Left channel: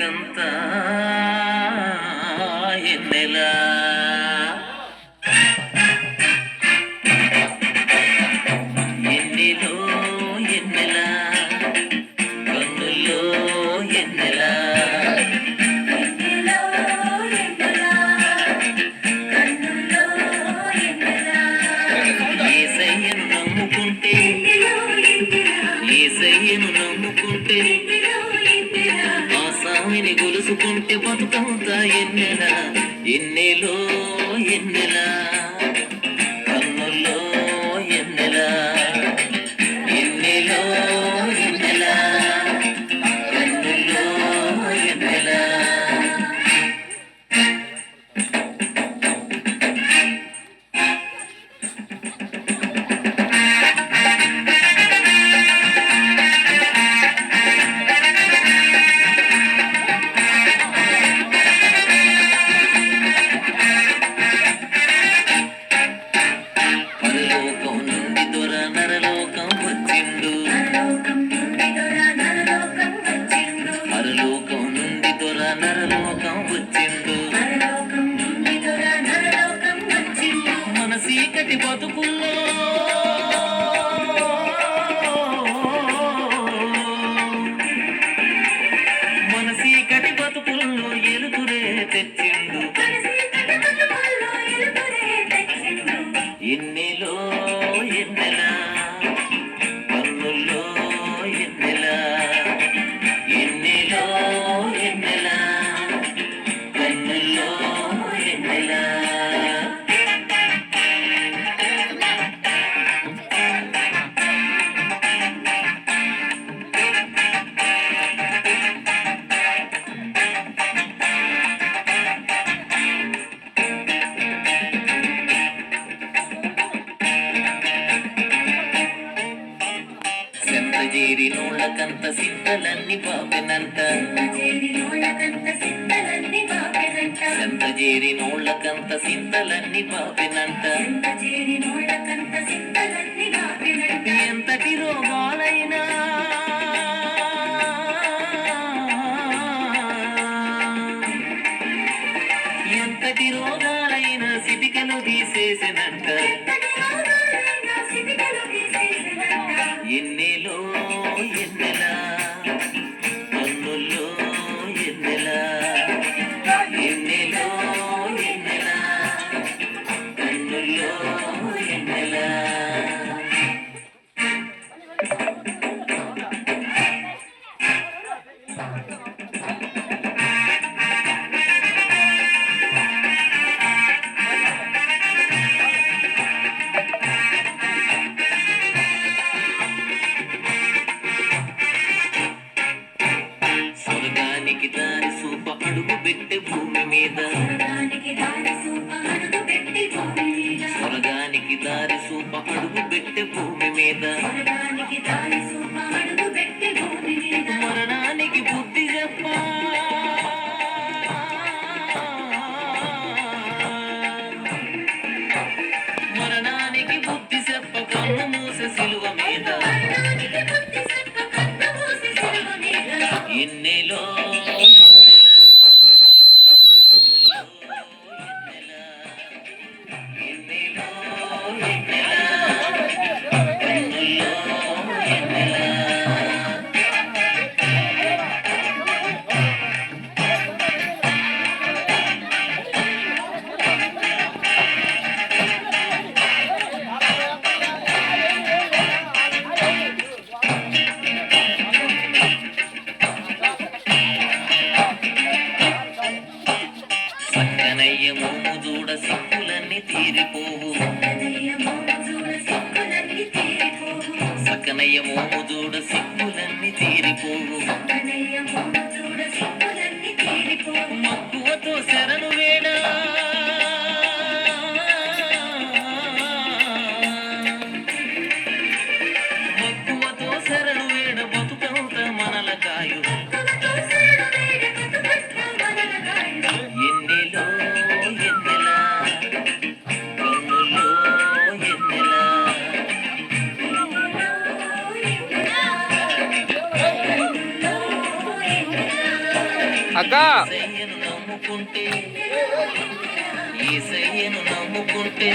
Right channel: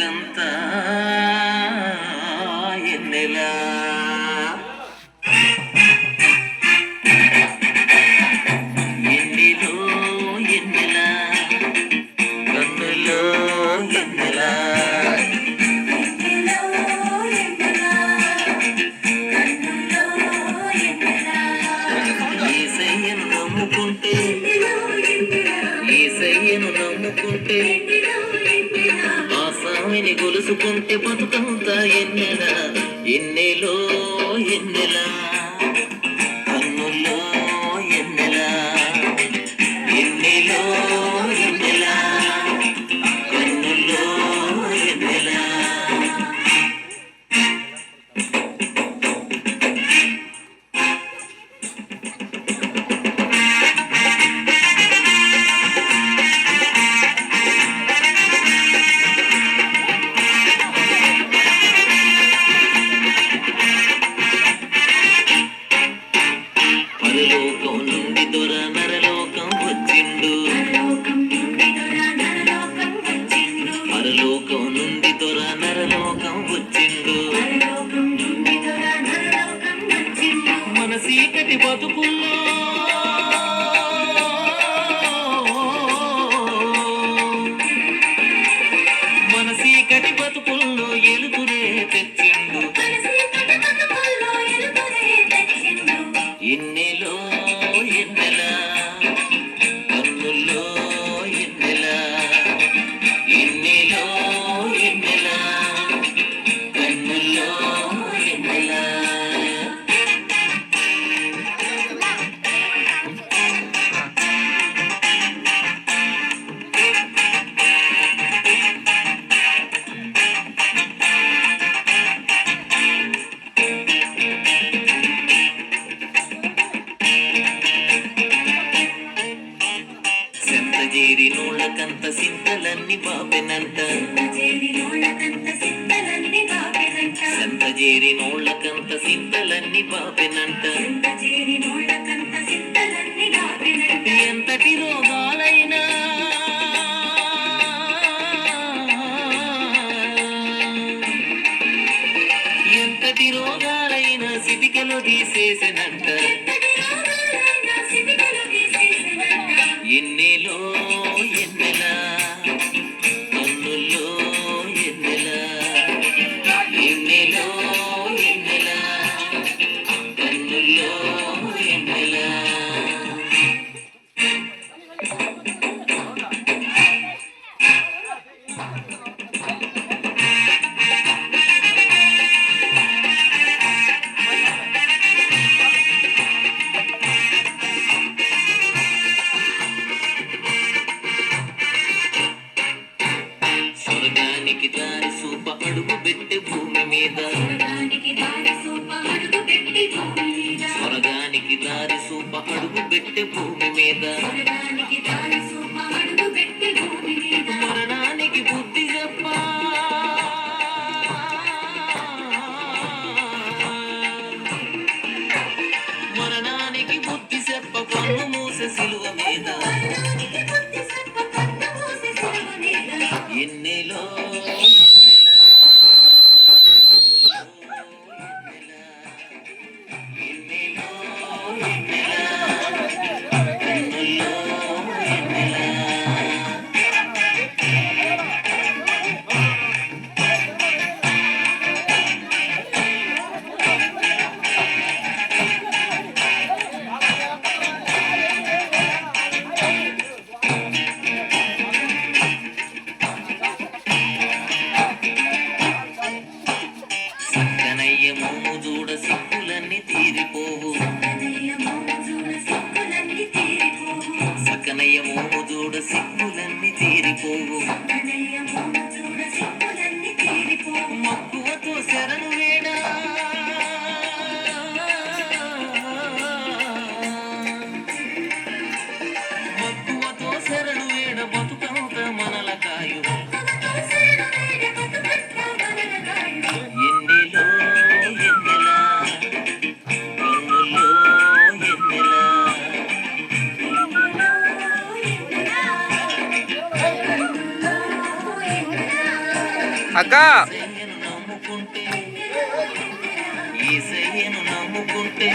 బతుకంత ఎన్నెలా ఎన్నెలో ఎన్నెలా కన్నులో ఎన్నెలా ఏసయ్యను నమ్ముకుంటే ఏసయ్యను నమ్ముకుంటే ఆసామిని గొలుసుకుంటే బతుకంతా ఎన్నెలా ఎన్నెలో ఎన్నెలా కన్నుల్లో ఎన్నెలా ఎన్నెలో ఎన్నెలా కన్నుల్లో ఎన్నెలా పరలోకం నుండి దొర నరలోకం వచ్చిండు పరలోకం నుండి దొర నరలోకం వచ్చిండు మన సీకటి బతుకుల్లో మన సీకటి బతుకుల్లో ఎలుతురే తెచ్చిండు ఎన్నెలో ఎన్నెలా కన్నుల్లో ఎన్నెలా ఎన్నెలో ఎన్నెలా కన్నుల్లో ఎన్నెలా సెంతజేరి నోళ్ళకంత సింతలన్నీ పాపెనంట సెంతజేరి నోళ్ళకంత సింతలన్నీ పాపెనంట ఎంతటి రోగాలైనా ఎంతటి రోగాలైనా సిటికలు తీసేసినంట ఎన్నెలో ఎన్నెలా కన్నుల్లో ఎన్నెలా ఎన్నెలో ఎన్నెలా కన్నుల్లో ఎన్నెలా స్వర్గానికి దారి సూప అడుగు పెట్టే భూమి మీద స్వర్గానికి దారి సూప అడుగు పెట్టే భూమి మీద మరణానికి బుద్ధి చెప్పా మరణానికి బుద్ధి చెప్ప కన్ను మూసే సిలువ మీద ఎన్నెలో సక్కనయ్య మోము చూడ సిక్కులన్నీ తీరిపోవు సక్కనయ్య మోము చూడ సిక్కులన్నీ తీరిపోవు మక్కువతో శరణు వేడా మక్కువతో శరణు వేడ బతుకంత మనల కాయు ఎన్నెలో ఎన్నెలా కన్నుల్లో ఎన్నెలా అక్క నమ్ముకుంటే